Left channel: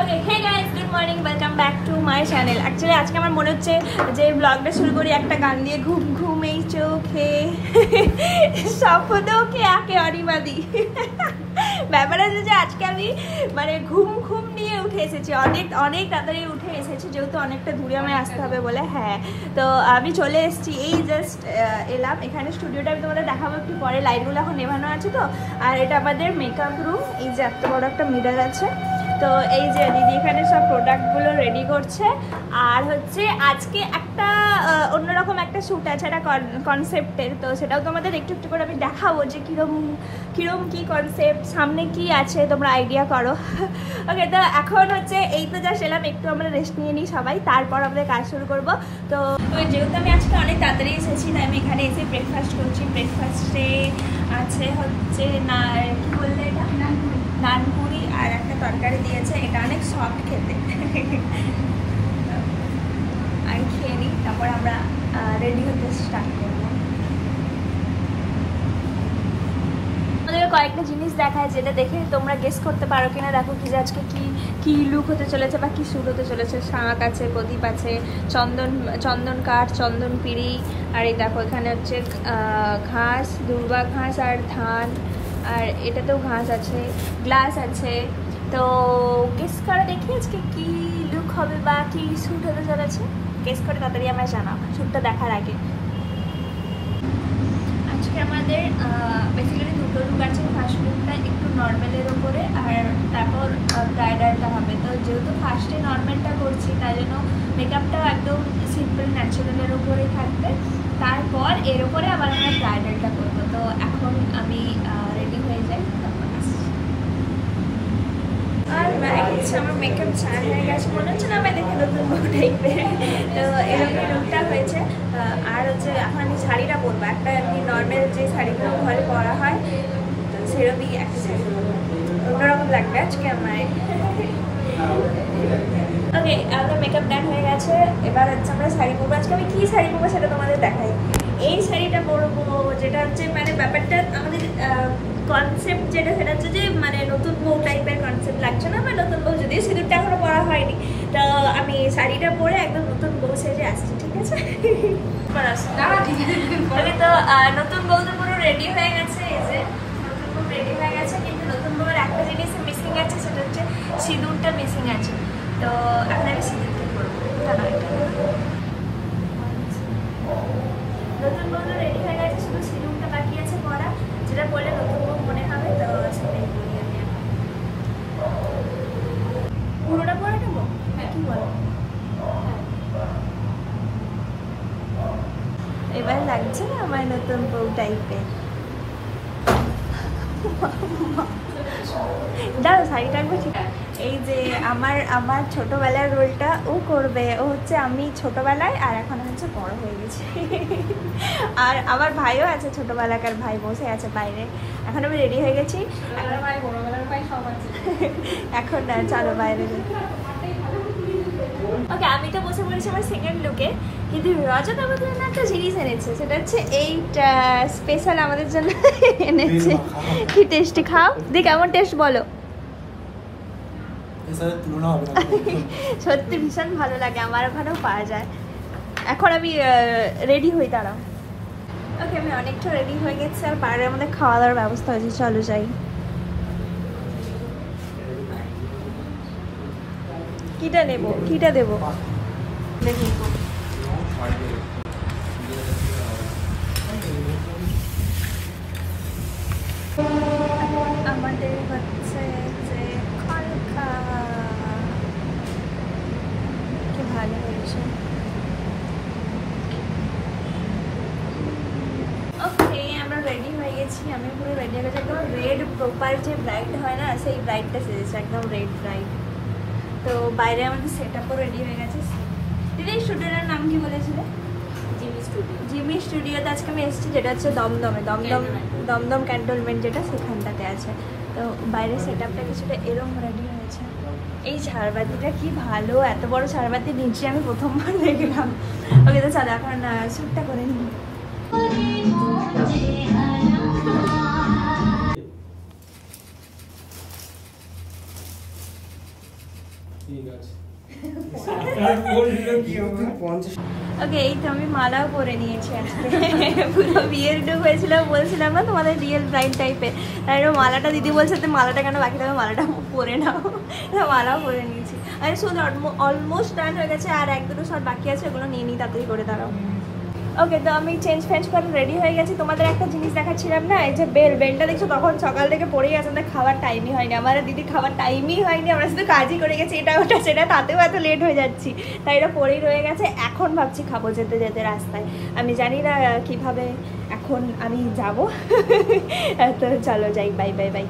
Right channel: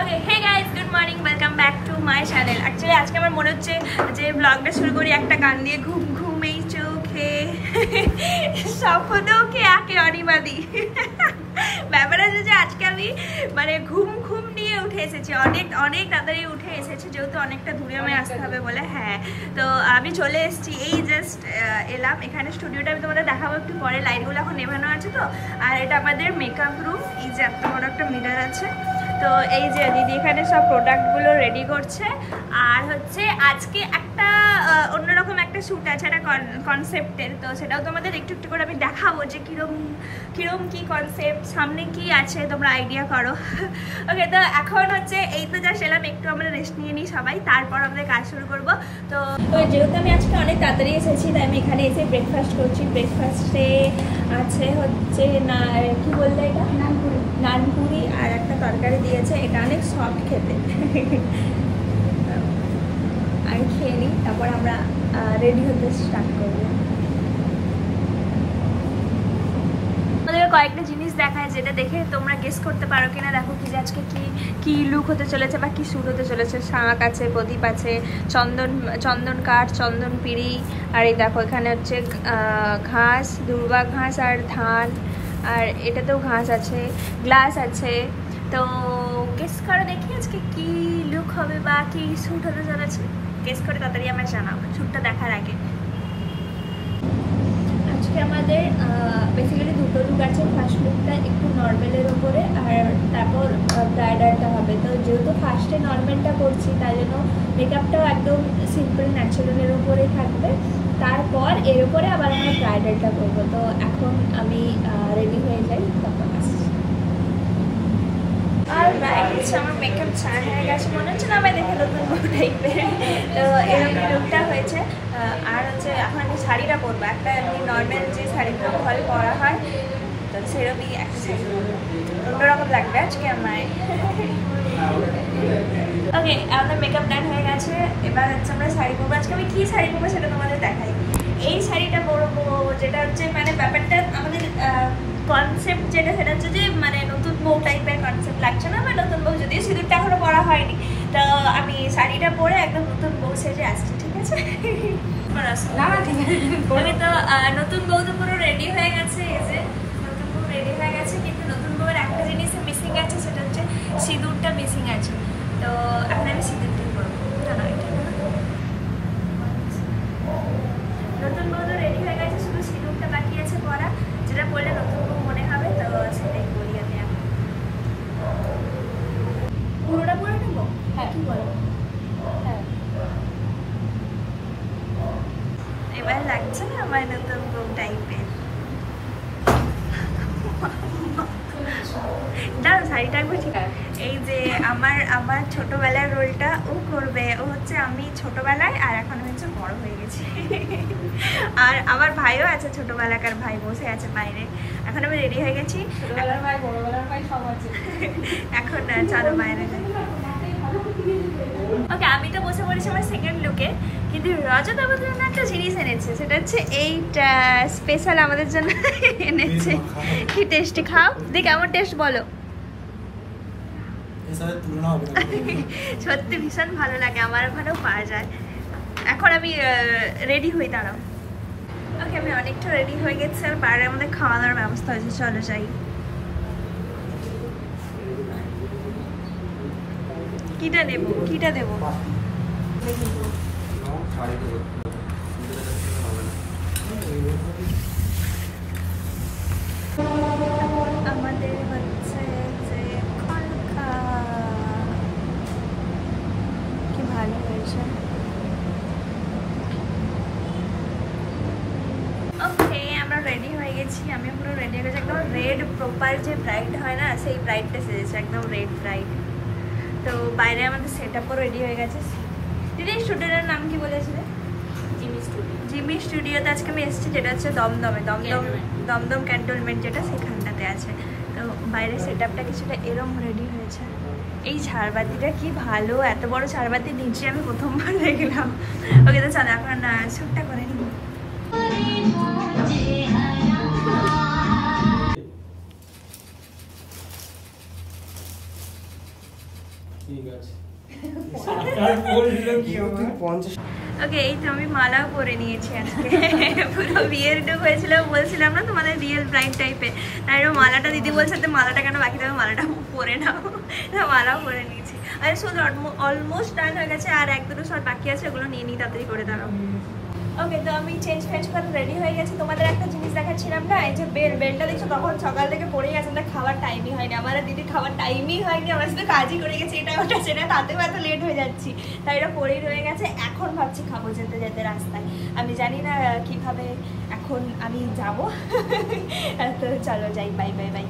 Okay hey guys, good morning, welcome back to my channel. Actually আজকে আমার মনে হচ্ছে যে ব্লগটা শুরু করি একটা গান দিয়ে, ঘুম ঘুম এই চোখে স্বপ্নকে আঁকে অনিমাদি। ব্যাপার আছে যে আজকে আমি মানে ঘুম ঘুম নিয়ে উঠে এসেছি, অনেক অনেক তাড়াতাড়ি উঠে এসেছি, যেহেতু অনেকটা দূরে আমায় আসতে হবে বলে। হ্যাঁ, তো আমি চলে এসেছি, এই জাস্ট এলাম এখানে। স্টুডিওটা আমি তোমাদের দেখাবো একটু পরে, লাইটগুলো এখন নেভানো আছে তো। আর এটা আমাদের মেকআপ রুম, এই যে এত বড় একটা মিরর আছে। তো এই যে দিদি এখানে সব প্রোডাক্টগুলো রেডি করছে। আর হচ্ছে আজকে একটা অন্যরকম একটা শ্যুট আছে, একটা কনসেপ্টের, তো সেটাও তোমাদের একটু একটু করে আমি দেখাবো যে কিরম কি কনসেপ্ট, সামনে কি আছে তোমরা আইডিয়া করো। ওকে, তো এখন হচ্ছে এই তো যা এলাম, একটু আমরা রেস্ট নিয়ে নিই সবাই, তারপর আমাদের কাজ শুরু করবো। তো যেহেতু আমি আজকে অনেক তাড়াতাড়ি এসেছি, তাই আমি এখানে এসে ব্রেকফাস্ট করছি। ব্রেকফাস্টে আছে হচ্ছে কি বললে এটা, নানপুরি আর একটা তরকারি দিয়েছে। এটা অনেক সফট খেতে। আমি খেয়ে নিই, তারপর আমরা রেডি হতে স্টার্ট করবো। আমাদের কয়েকটা জিনিস দেখায়, যেটা দেখে তোমরা গেস করতে পারো কিনা। দেখো কি আজকে কি লুক হতে চলেছে বা কি শ্যুট হতে চলেছে। শাঁখ আছে, প্রদীপ আছে, চন্দন কাঠ, চন্দন পিড়ি, আর এই দেখো এখানে হচ্ছে ঘাস, দুর্বা ঘাস আর ধান, আর এটাতেও ঘাস আছে, গ্লাস আছে। তো গেস করে দেখি আজকে কি লুক হবে বা কি শ্যুট হতে চলেছে। গেস করে তাড়াতাড়ি আমরা জানাবো শ্যুটটা দেখার আগে। আজকে আমাদের বেসিক্যালি দুটো লুক আছে। ফার্স্ট লুকটা একটু নর্মালের ওপরে, আর তারপর ব্রাইডালটা হবে। তো যেহেতু ফার্স্টে নর্মালটা করছি, তাই জন্য মেকআপটাও একদম সিম্পল ন্যাচারালের উপরেই থাকবে। তারপর এর উপরে আবার আমরা ব্রাইডালটা করবো। তো এখন আমি রেডি হয়ে যাই, তারপর আসছি। আর আমার মেকআপ চান হয়ে গেছে, মনে হচ্ছে না আমায় দেখে নতুন বউ টাইপের। তো এরকম লুকটা হয়েছে। আর হচ্ছে এখন আমি শাড়িটা পরবো, একটা এমনি নর্মাল যে শাড়িগুলো ঘরে পরা হয়, তো সেরকমই একটা শাড়ি পরবো, অন্যরকম লাগবে আজকে আমায়। ওকে, আমাদের মেকআপ ডান হয়ে গেছে। এবার হচ্ছে আমরা শাড়ি পরবো। আজকে আমি কী শাড়ি পরবো সেটা তোমাদের দেখাই। এই শাড়িটা পরবো, যেটা হচ্ছে মানে ব্যাপারটা আমাদের কনসেপ্ট যেটা, সেটা হচ্ছে যে মানে নতুন বউ টাইপের কনসেপ্ট লাগছে না। আমার নতুন বউ, যদিও সিঁদুরটা এখনো পরা হয়নি, তো আমি শাড়িটা পরে একদম নতুন বউ সেজে আসছি, ঠিক আছে? তো নতুন বউ তো পুরো রেডি হয়ে গেছে। এই যে নতুন বউ রেডি হয়ে গেছে, কিন্তু নতুন বউয়ের একটা জিনিস মিসিং আছে, সেটা হচ্ছে সিঁদুরটা মিসিং আছে। তো এখন আমি সিঁদুরটা করবো। নতুন বউ তো রেডি হয়ে গেছে, শুধু সিঁদুরটা বাকি আছে পরা, যেটা পরলে নতুন বউ মনে হবে। তো সেটাই করি আমি এখন। পুরোটা পরে নেবো? হ্যাঁ, কি বলো? হ্যাঁ, এবার লাগছে না আমার নতুন বউ টাইপের? দাঁড়ো, শাড়িটা একবার ঠিক। এই যে আমার ছোটবেলার রোলটা ও করবে। ও হচ্ছে আমি ছোটবেলায়, আর এখন হচ্ছে বড় হয়ে গেছে। আর আমার ভাইও আছে, ছোটবেলাকার ভাই বসে আছে বাইরে। এখন আমি রেডি হয়ে গেছি। এখন না, চলো বাইরে। ওকে, আমি তো বসে পড়েছি আমার সেকেন্ড লুকে, কিন্তু রজত আমাদের জন্য একটা জিনিস এনেছে, সেটা হচ্ছে এইটা স্পেশাল আমাদের জন্য এনেছে। কি টেস্টি, খাও দেখ কেমন টেস্ট বলো। সত্যি ভীষণ ভালো লাগে, আমার ওখানেও পাওয়া যায়। এখন আমি রেডি হই, দাঁড়াও। ওকে, আমি অনেকটা রেডি হয়ে গেছি, আর বাইরে আমাদের খাওয়া দাওয়ার ব্যবস্থা হয়েছে, চলো যাই। কিটা দেবো দেখি। আমাদের হচ্ছে যে খলখা, কি ভালো হয়েছে। ওকে, আমরা রেডি হয়ে গেছি। আমি পুরো রেডি হয়ে গেছি, একদম রেড প্রপার যে ব্রাইড হয় না, সেই ব্রাইডটা সেজেছে, একদম রেড ব্রাইড। তো বাইরে আমাদের সেট আপও রেডি হয়ে গেছে। দিদি, স্টুডিওটার নাম কি বলেছিল? জিমি স্টুডিওতে আজকে আমি এসেছি, যেটা হচ্ছে দমদম ক্যান্টনমেন্ট, যেটা সেখানটাতে আছে। তো বাইরের সেট আপটা কিছুটা এরম রেডি হয়েছে। এই ঝাড়বাতিটা কি ভালো, এত বড় ঝাড়বাতি নিচে আমি প্রথমবার দেখলাম। ওকে, তো চলো এখন শ্যুটটা করে নিই। ঠিক আছে। ওকে, এই তো আমি মালাও পরে নিয়েছি আজকে। পুরো বিয়ের লুক হয়েছিল, বলছিলাম না তোমাদের রিয়েল ব্রাইড টাইপের। তাই মালাটা দিদি বলছে যে মালাটা কেন বাকি থাকবে, মালাটা পরে নাও। মালাও পরে নিয়েছি। আর শুন অলমোস্ট ডান হয়ে গেছে, আর এক দুটো শট বাকি আছে, ওগুলো নিয়ে নিই, তাড়াতাড়ি করে দাঁড়াও। ওকে, তো আমি চেঞ্জ ফেঞ্জ করে রেডি হয়ে গেছি। তোমাদের একটা জিনিস দেখাচ্ছিলাম না, এই যে বেলটা দেখছো তখন সকাল থেকে পড়েই আছে, আমরা খাওয়ার টাইমই হয়নি, আমার দিদি খাওয়ার টাইমই হয়নি, আমরা শুধু কাজই করে গেছি, এটা ওটা সেটা, তাতেও এত লেট হয়ে যাচ্ছি, তাই এটা পরেই রয়ে গেছে। এখন ভাবছি খাবো যেতে যেতে রাস্তায়, আমি জানি না কিভাবে এখন আমি যাবো। তো চলো যাই, বাই বাই বাই।